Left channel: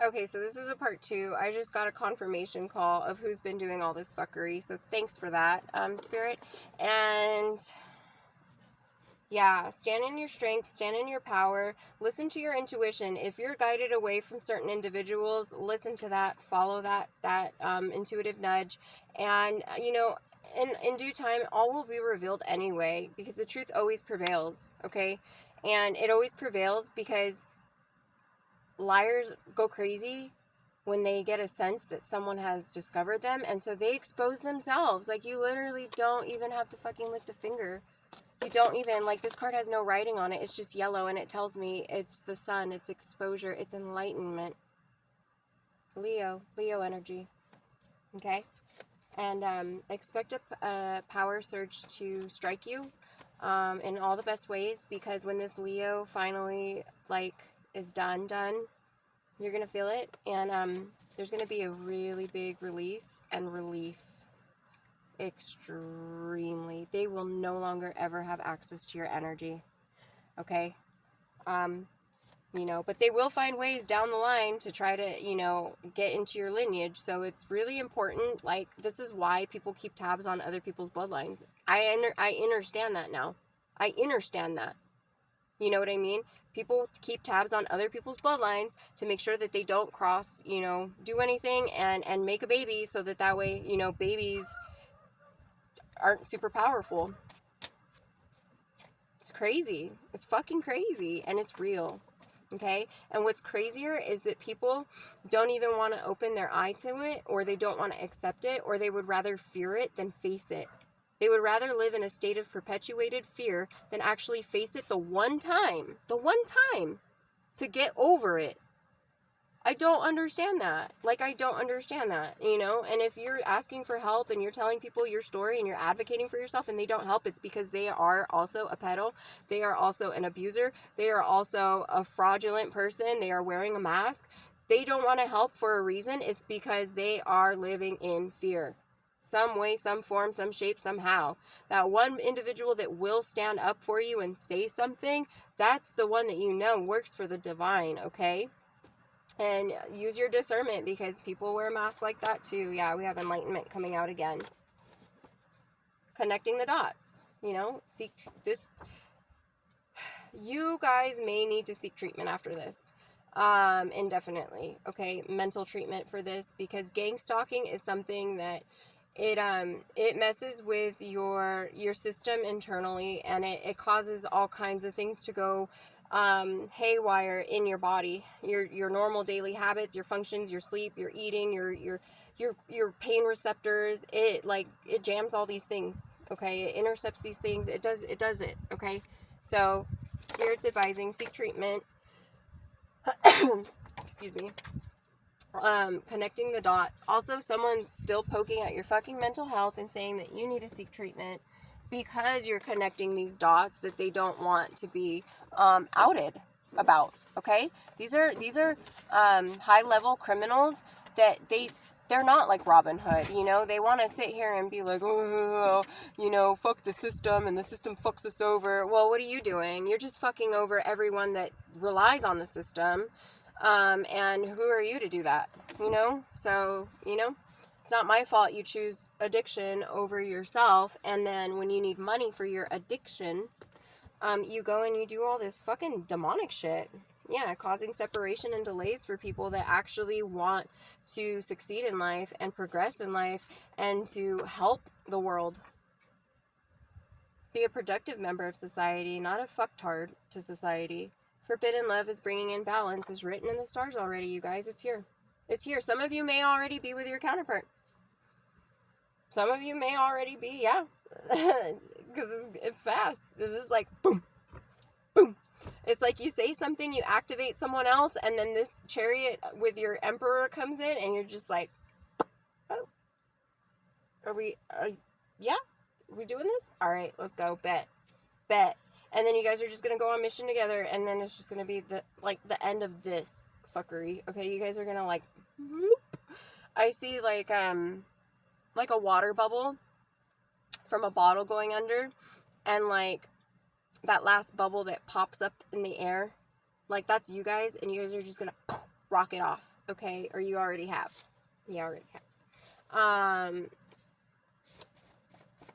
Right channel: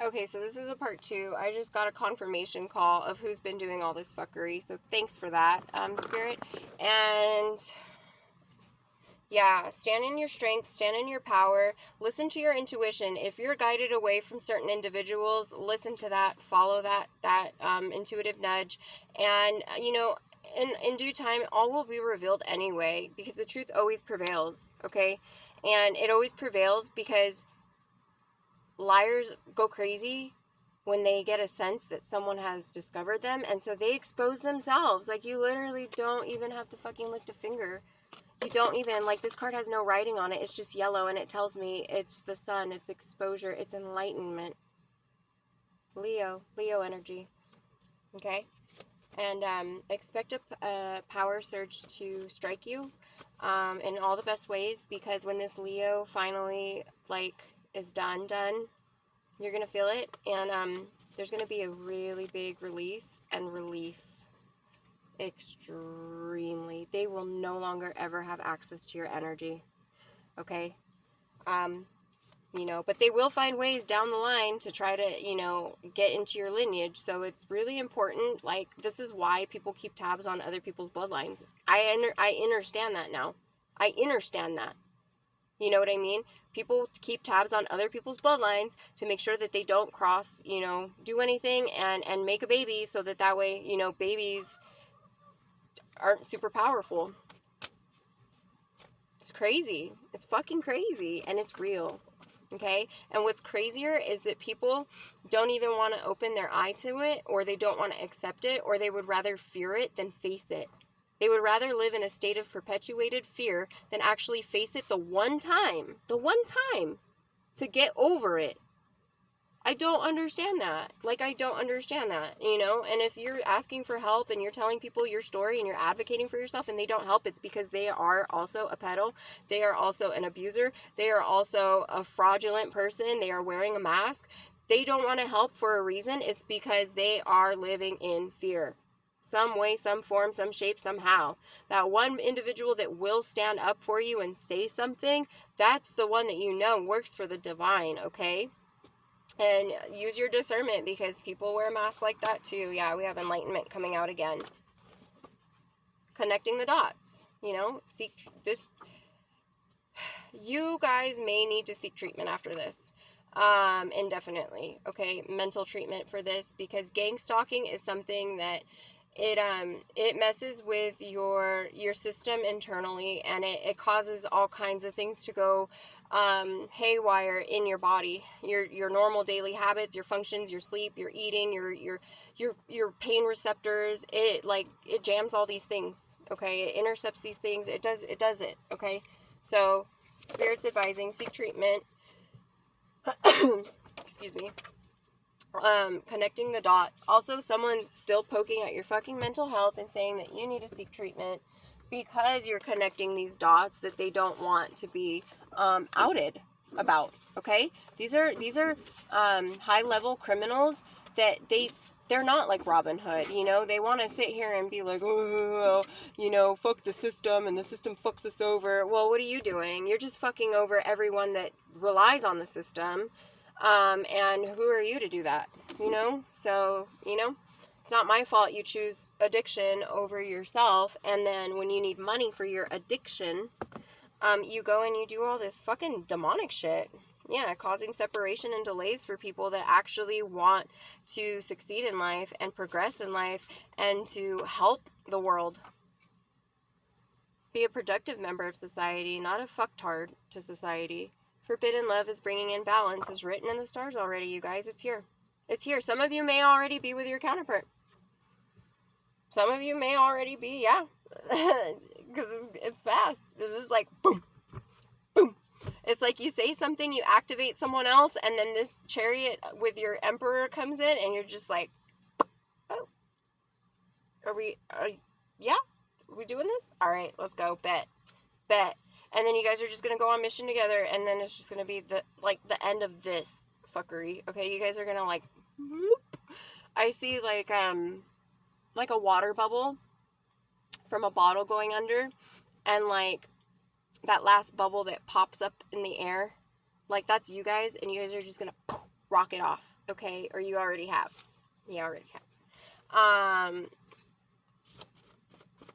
Okay, so this is a part 2. I just got a confirmation call of who's been doing all this fuckery, so thanks for that, Spirit. And yeah, stand in your strength, stand in your power, listen to your intuition. If you're guided away from certain individuals, listen to that, follow that intuitive nudge, and in due time, all will be revealed anyway, because the truth always prevails. Okay, and it always prevails because liars go crazy when they get a sense that someone has discovered them, and so they expose themselves. Like, you literally don't even have to fucking lift a finger. You don't even, like, this card has no writing on it. It's just yellow, and it tells me it's the sun, it's exposure, it's enlightenment. Leo energy. Okay? And expect a power surge to strike you in all the best ways, because when this Leo finally, like, is done, you're going to feel it, and there's going to be a really big release and relief. Extremely. They will no longer ever have access to your energy. Okay? But they will find ways down the line to try to, get into your lineage. So it's really important. Like, this is why people keep tabs on other people's bloodlines. I understand that now. I understand that. You know what I mean? People keep tabs on other people's bloodlines to make sure that they don't cross, do anything and make a baby, so that way, babies aren't super powerful. It's crazy. It's fucking crazy, and it's real. Okay? And what's crazier is that people don't even want to open their eye to it, or they don't want to accept it, or they would rather fear it than face it. They would rather live in a state of perpetuated fear than actually face it the one time to get over it. I don't understand that. Like, I don't understand that, And if you're asking for help and you're telling people your story and you're advocating for yourself and they don't help, it's because they are also a pedo. They are also an abuser. They are also a fraudulent person. They are wearing a mask. They don't want to help for a reason. It's because they are living in fear. Some way, some form, some shape, somehow. That one individual that will stand up for you and say something, that's the one that works for the divine, okay? And use your discernment, because people wear masks like that too. Yeah, we have enlightenment coming out again. Connecting the dots. Seek this. You guys may need to seek treatment after this. Indefinitely. Okay, mental treatment for this, because gang stalking is something that it messes with your system internally, and it causes all kinds of things to go haywire in your body. Your normal daily habits, your functions, your sleep, your eating, your pain receptors. It jams all these things. Okay, it intercepts these things. It does it. Okay, so Spirit's advising seek treatment. Excuse me. Connecting the dots. Also, someone's still poking at your fucking mental health and saying that you need to seek treatment because you're connecting these dots that they don't want to be outed about. Okay, these are high level criminals that they're not like Robin Hood. They want to sit here and be like, oh, fuck the system, and the system fucks us over. Well, what are you doing? You're just fucking over everyone that relies on the system. And who are you to do that? So, it's not my fault you choose addiction over yourself. And then when you need money for your addiction, you go and you do all this fucking demonic shit. Yeah, causing separation and delays for people that actually want to succeed in life and progress in life and to help the world. Be a productive member of society, not a fucktard to society. Forbidden love is bringing in balance is written in the stars already, you guys. It's here. It's here. Some of you may already be with your counterpart. Some of you may already be, yeah. Because it's fast. This is like boom, boom. It's like you say something, you activate someone else, and then this chariot with your emperor comes in, and you're just like, oh, yeah? Are we doing this? All right, let's go. Bet. And then you guys are just going to go on mission together, and then it's just going to be the end of this fuckery. Okay, you guys are going to whoop. I see like a water bubble from a bottle going under, and that last bubble that pops up in the air, that's you guys, and you guys are just going to rock it off, okay? Or you already have.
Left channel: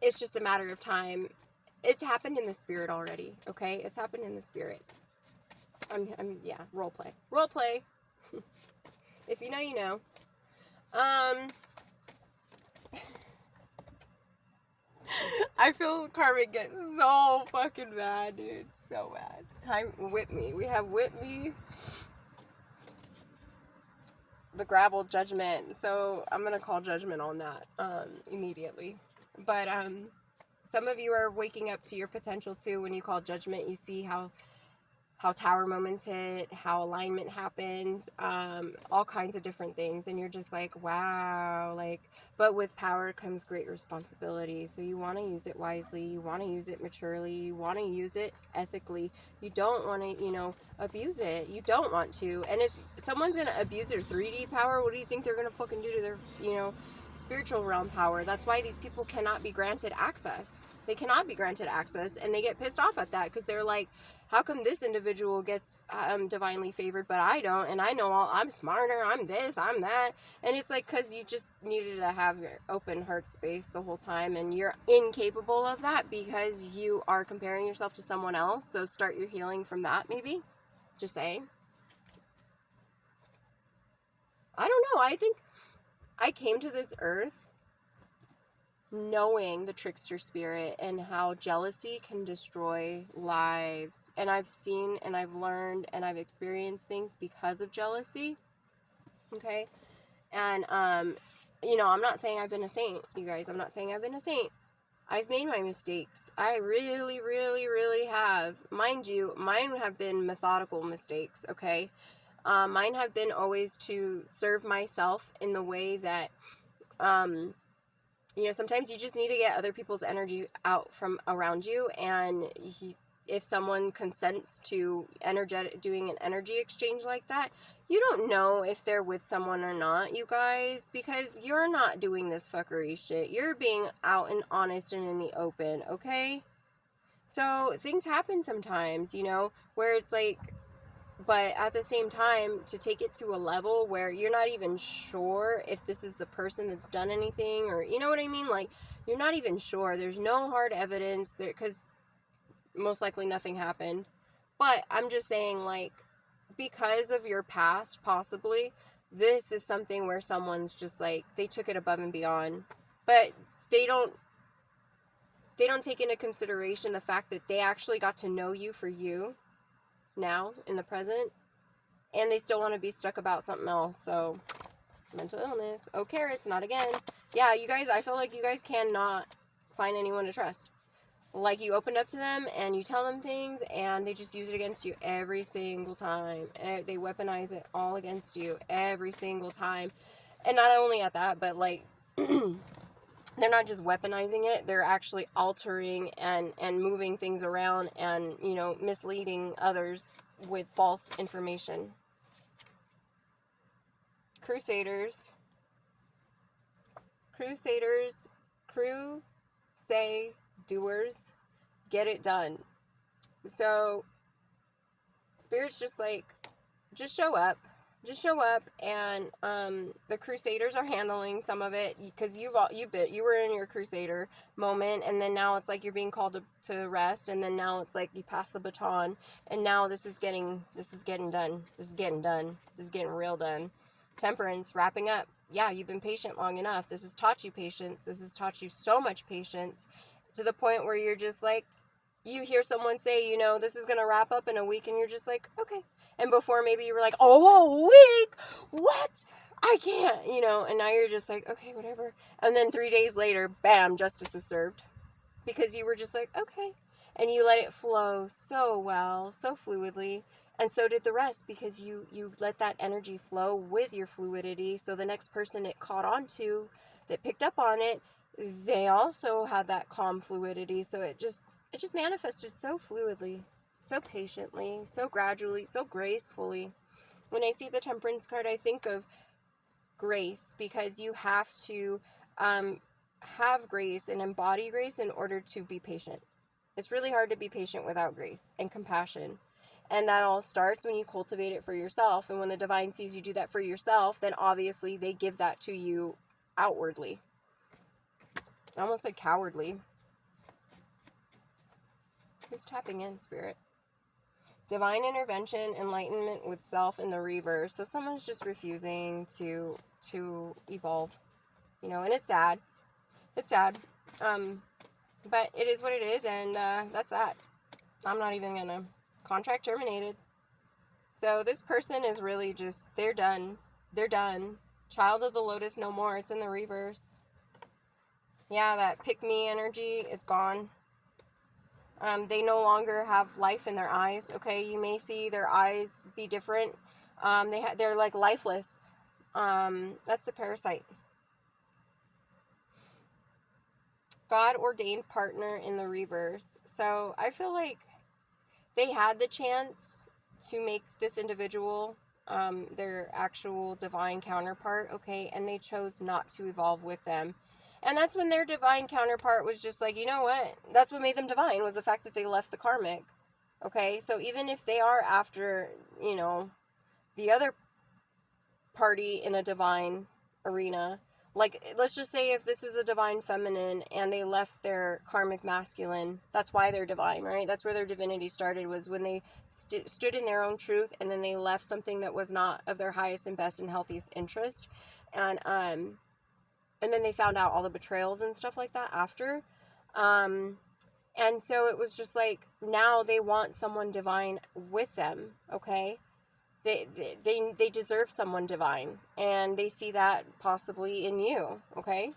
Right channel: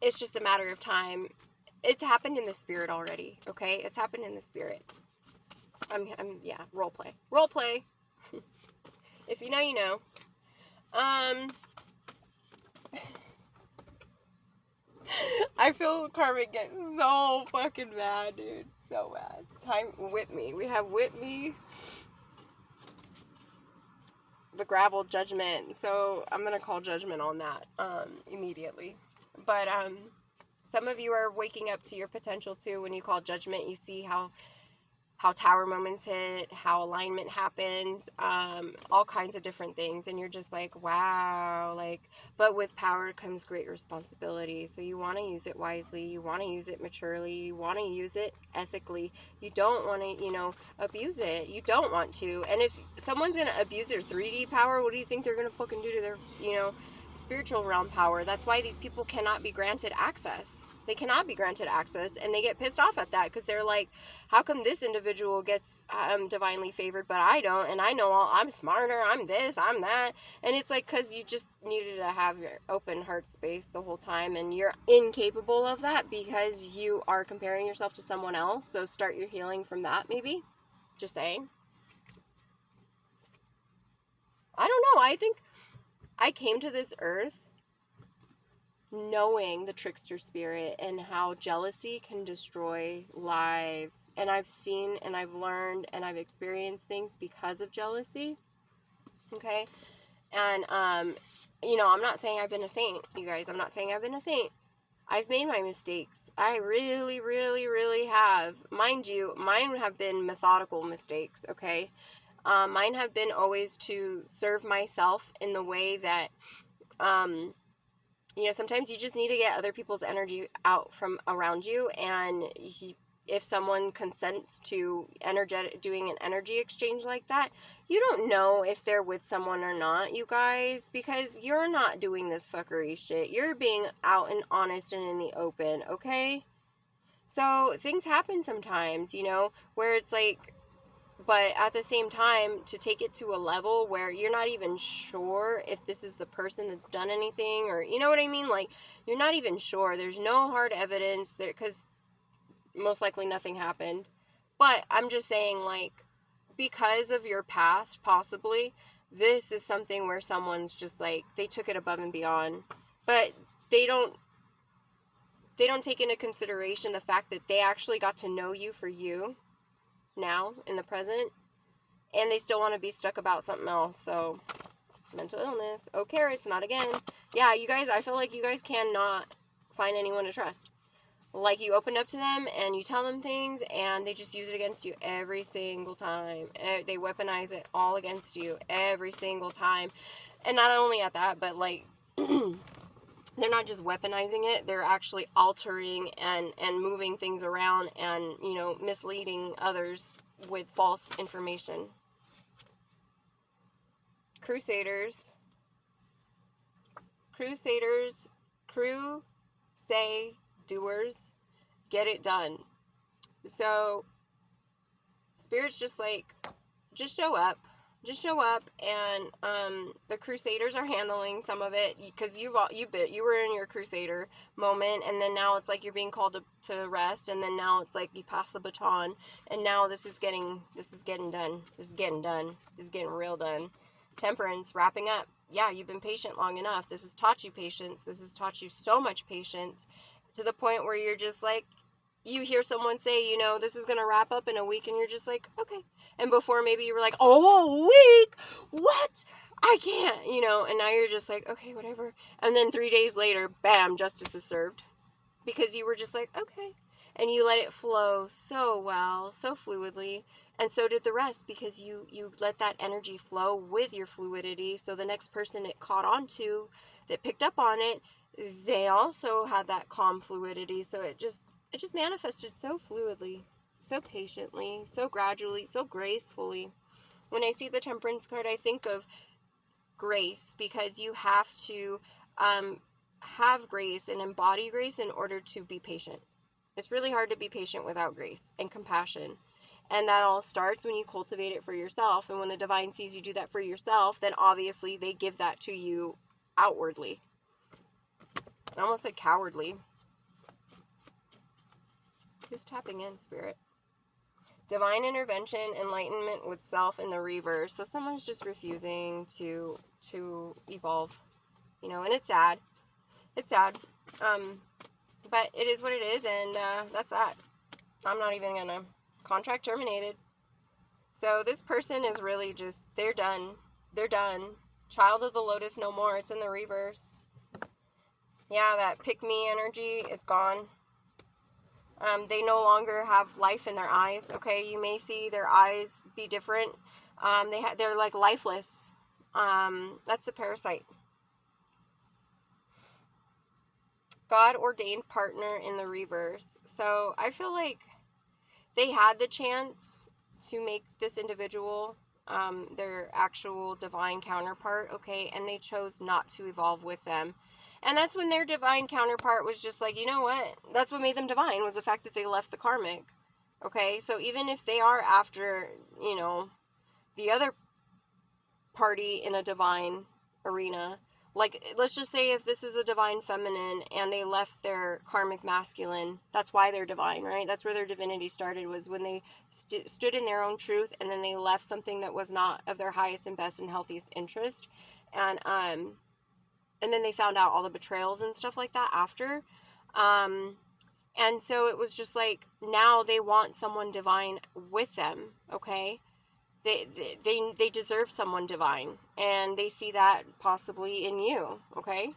It's just a matter of time. It's happened in the spirit already, okay? It's happened in the spirit. Yeah, role play. If you know, you know. I feel Carmen get so fucking mad, dude. So mad. Whip me. We have whip me. The gravel judgment. So I'm gonna call judgment on that immediately. But some of you are waking up to your potential too. When you call judgment, you see how tower moments hit, how alignment happens, all kinds of different things, and you're just like, wow, like, but with power comes great responsibility. So you want to use it wisely, you want to use it maturely, you want to use it ethically. You don't want to, abuse it. You don't want to. And if someone's gonna abuse their 3D power, what do you think they're gonna fucking do to their, spiritual realm power? That's why these people cannot be granted access. They cannot be granted access, and they get pissed off at that because they're like, how come this individual gets divinely favored but I don't? And I know I'm smarter, I'm this, I'm that. And it's like, because you just needed to have your open heart space the whole time, and you're incapable of that because you are comparing yourself to someone else. So start your healing from that, maybe. Just saying. I don't know. I think I came to this earth knowing the trickster spirit and how jealousy can destroy lives. And I've seen and I've learned and I've experienced things because of jealousy. Okay? And, I'm not saying I've been a saint, you guys. I'm not saying I've been a saint. I've made my mistakes. I really, really, really have. Mind you, mine have been methodical mistakes, okay? Mine have been always to serve myself in the way that, sometimes you just need to get other people's energy out from around you. And if someone consents to doing an energy exchange like that, you don't know if they're with someone or not, you guys, because you're not doing this fuckery shit. You're being out and honest and in the open, okay? So things happen sometimes, where it's like, but at the same time, to take it to a level where you're not even sure if this is the person that's done anything, or you know what I mean? Like, you're not even sure. There's no hard evidence there, because most likely nothing happened. But I'm just saying, like, because of your past, possibly, this is something where someone's just like, they took it above and beyond. But they don't take into consideration the fact that they actually got to know you for you now in the present, and they still want to be stuck about something else. So mental illness, carrots, not again. Yeah, you guys, I feel like you guys cannot find anyone to trust. Like, you open up to them and you tell them things and they just use it against you every single time. They weaponize it all against you every single time. And not only at that, but like they're not just weaponizing it, they're actually altering and moving things around and, misleading others with false information. Crusaders, doers, get it done. So, Spirit's just like, just show up. And the Crusaders are handling some of it, because you were in your Crusader moment, and then now it's like you're being called to rest, and then now it's like you pass the baton, and now this is getting done. This is getting real done. Temperance, wrapping up. Yeah, you've been patient long enough. This has taught you patience. This has taught you so much patience, to the point where you're just like, you hear someone say, this is going to wrap up in a week, and you're just like, okay. And before, maybe you were like, oh, a week? What? I can't, and now you're just like, okay, whatever. And then 3 days later, bam, justice is served. Because you were just like, okay. And you let it flow so well, so fluidly. And so did the rest, because you let that energy flow with your fluidity. So the next person it caught on to, that picked up on it, they also had that calm fluidity. So it just manifested so fluidly, so patiently, so gradually, so gracefully. When I see the Temperance card, I think of grace, because you have to have grace and embody grace in order to be patient. It's really hard to be patient without grace and compassion. And that all starts when you cultivate it for yourself. And when the divine sees you do that for yourself, then obviously they give that to you outwardly. I almost said cowardly. Who's tapping in, Spirit? Divine intervention, enlightenment with self in the reverse. So someone's just refusing to evolve, you know, and it's sad. It's sad. But it is what it is, and that's that. I'm not even gonna. Contract terminated. So this person is really just, they're done. They're done. Child of the Lotus no more. It's in the reverse. Yeah, that pick me energy, it's gone. They no longer have life in their eyes. Okay, you may see their eyes be different. They're like lifeless. That's the parasite. God ordained partner in the reverse. So I feel like they had the chance to make this individual their actual divine counterpart, okay, and they chose not to evolve with them. And that's when their divine counterpart was just like, you know what? That's what made them divine, was the fact that they left the karmic. Okay, so even if they are after, you know, the other party in a divine arena, like, let's just say if this is a divine feminine and they left their karmic masculine, that's why they're divine, right? That's where their divinity started, was when they stood in their own truth, and then they left something that was not of their highest and best and healthiest interest. And then they found out all the betrayals and stuff like that after. And so it was just like, now they want someone divine with them, okay? They deserve someone divine, and they see that possibly in you, okay?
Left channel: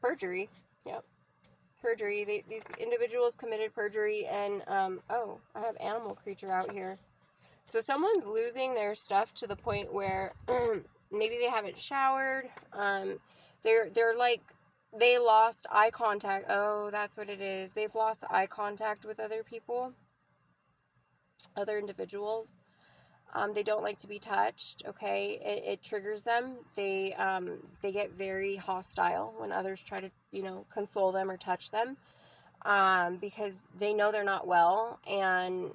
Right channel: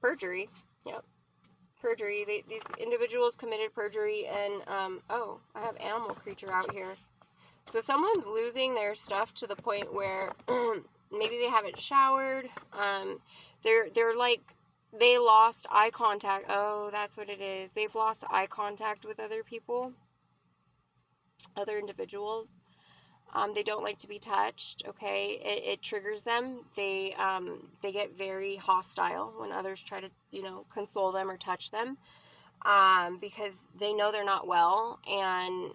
Perjury. Yep. Perjury. These individuals committed perjury, and, oh, I have animal creature out here. So someone's losing their stuff to the point where maybe they haven't showered. They're like, they lost eye contact. Oh, that's what it is. They've lost eye contact with other people, other individuals. They don't like to be touched, okay? It triggers them. They get very hostile when others try to, you know, console them or touch them, because they know they're not well, and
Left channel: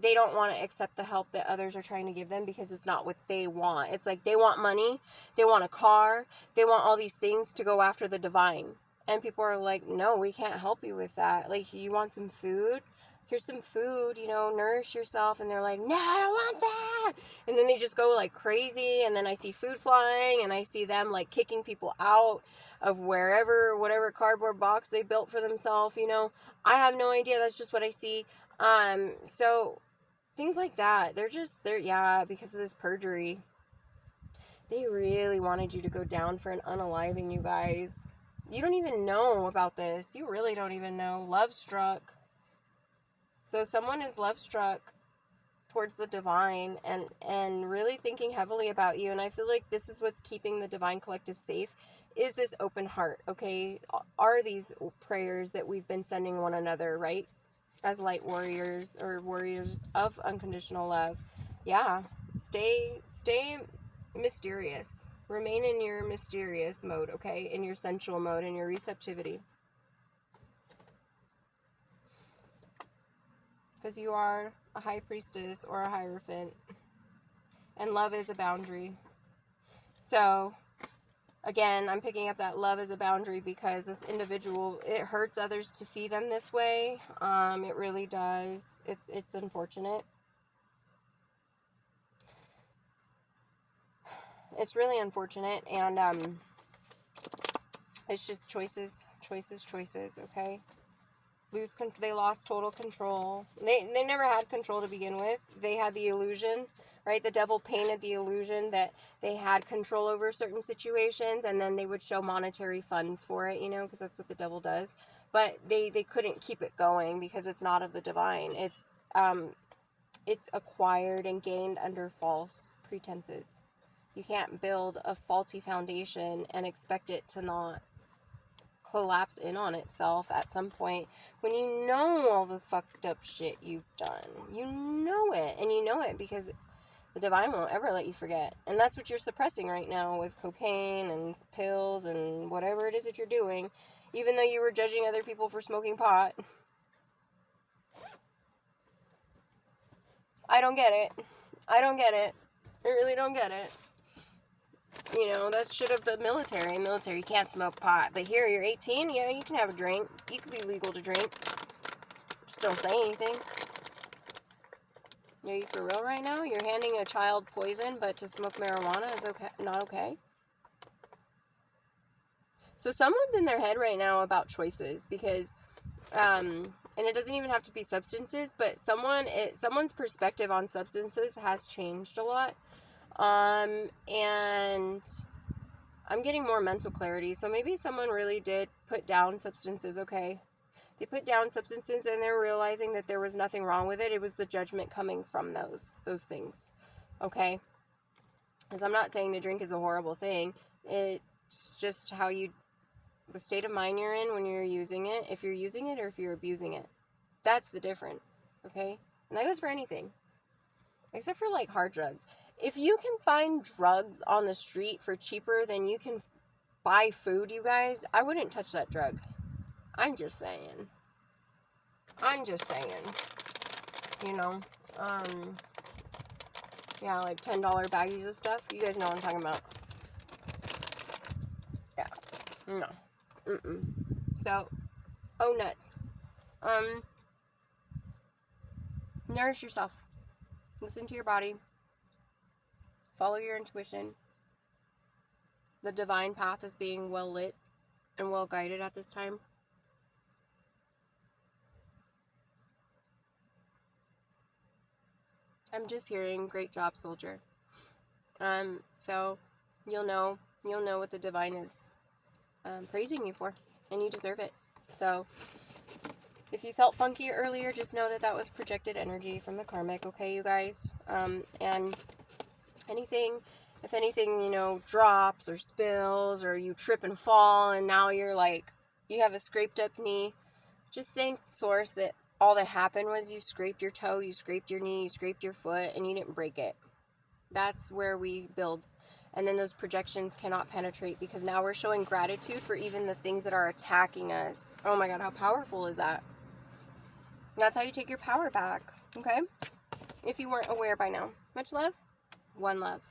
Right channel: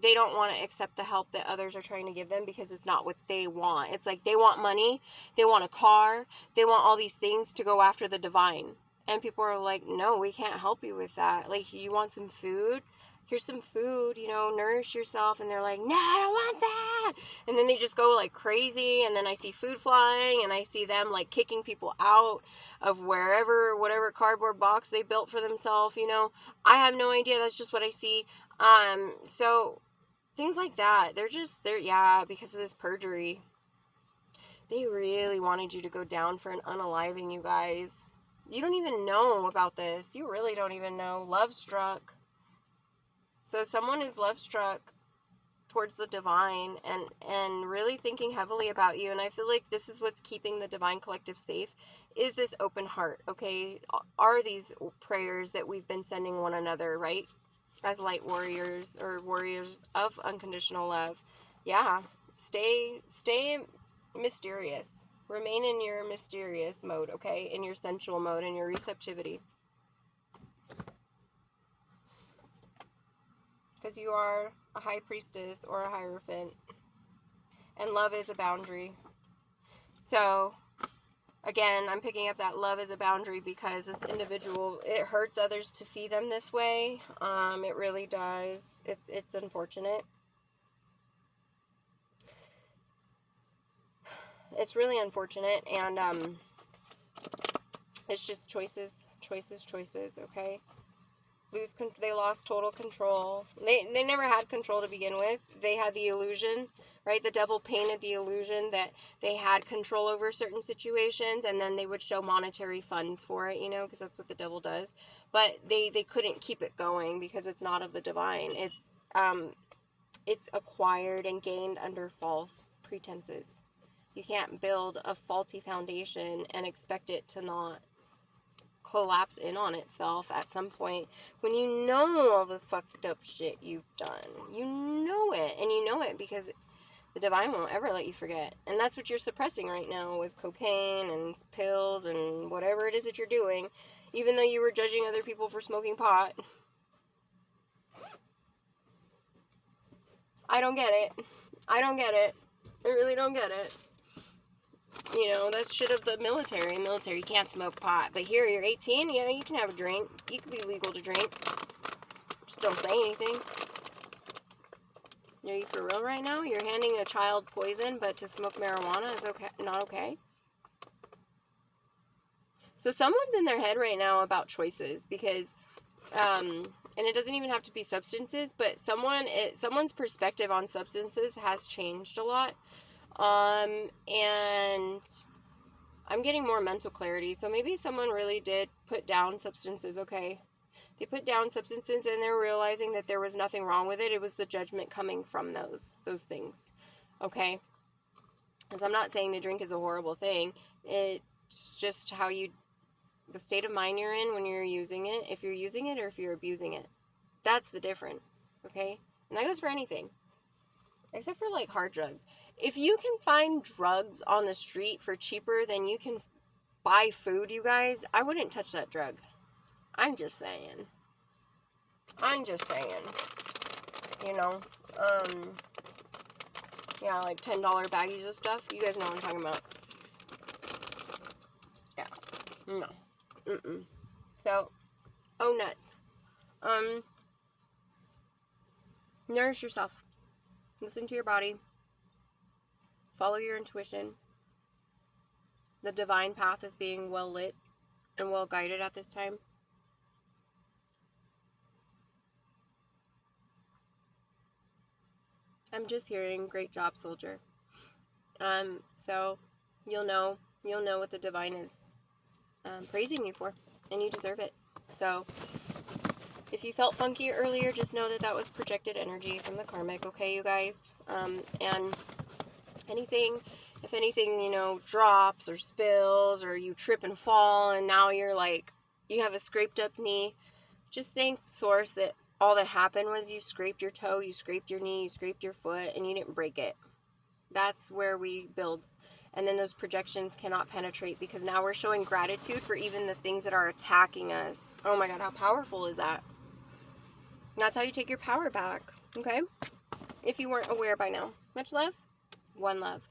they don't want to accept the help that others are trying to give them, because it's not what they want. It's like they want money, they want a car, they want all these things to go after the divine. And people are like, no, we can't help you with that. Like, you want some food? Here's some food, you know, nourish yourself. And they're like, no, I don't want that. And then they just go like crazy. And then I see food flying, and I see them like kicking people out of whatever cardboard box they built for themselves, you know. I have no idea. That's just what I see. So things like that. Yeah, because of this perjury. They really wanted you to go down for an unaliving, you guys. You don't even know about this. You really don't even know. Love struck. So someone is love struck towards the divine, and really thinking heavily about you. And I feel like this is what's keeping the divine collective safe, is this open heart, okay? Are these prayers that we've been sending one another, right? As light warriors, or warriors of unconditional love. Yeah. Stay mysterious. Remain in your mysterious mode, okay? In your sensual mode, in your receptivity. Because you are a high priestess or a hierophant. And love is a boundary. So, again, I'm picking up that love is a boundary, because this individual, it hurts others to see them this way. It really does. It's unfortunate. It's really unfortunate, and it's just choices, okay? They lost total control. They never had control to begin with. They had the illusion, right? The devil painted the illusion that they had control over certain situations, and then they would show monetary funds for it, you know, because that's what the devil does. But they couldn't keep it going, because it's not of the divine. It's acquired and gained under false pretenses. You can't build a faulty foundation and expect it to not collapse in on itself at some point, when you know all the fucked up shit you've done. You know it, and you know it because the divine won't ever let you forget. And that's what you're suppressing right now with cocaine and pills and whatever it is that you're doing, even though you were judging other people for smoking pot. I don't get it. I don't get it. I really don't get it. You know, that's shit of the military. Military can't smoke pot. But here, you're 18, yeah, you can have a drink. You can be legal to drink. Just don't say anything. Are you for real right now? You're handing a child poison, but to smoke marijuana is okay, not okay? So someone's in their head right now about choices because, and it doesn't even have to be substances, but someone's perspective on substances has changed a lot. And I'm getting more mental clarity. So maybe someone really did put down substances, okay? They put down substances and they're realizing that there was nothing wrong with it. It was the judgment coming from those things, okay? Because I'm not saying to drink is a horrible thing. It's just the state of mind you're in when you're using it, if you're using it or if you're abusing it. That's the difference, okay? And that goes for anything, except for like hard drugs. If you can find drugs on the street for cheaper than you can buy food, you guys, I wouldn't touch that drug. I'm just saying. You know, yeah, like $10 baggies of stuff. You guys know what I'm talking about. Yeah. No. Mm-mm. So, oh nuts. Nourish yourself. Listen to your body. Follow your intuition. The divine path is being well lit and well guided at this time. I'm just hearing, great job, soldier. So you'll know what the divine is praising you for, and you deserve it. So if you felt funky earlier, just know that was projected energy from the karmic, okay, you guys? And if anything, you know, drops or spills or you trip and fall and now you're like, you have a scraped up knee, just thank Source that all that happened was you scraped your toe, you scraped your knee, you scraped your foot, and you didn't break it. That's where we build. And then those projections cannot penetrate because now we're showing gratitude for even the things that are attacking us. Oh my God, how powerful is that? And that's how you take your power back, okay? If you weren't aware by now. Much love, one love.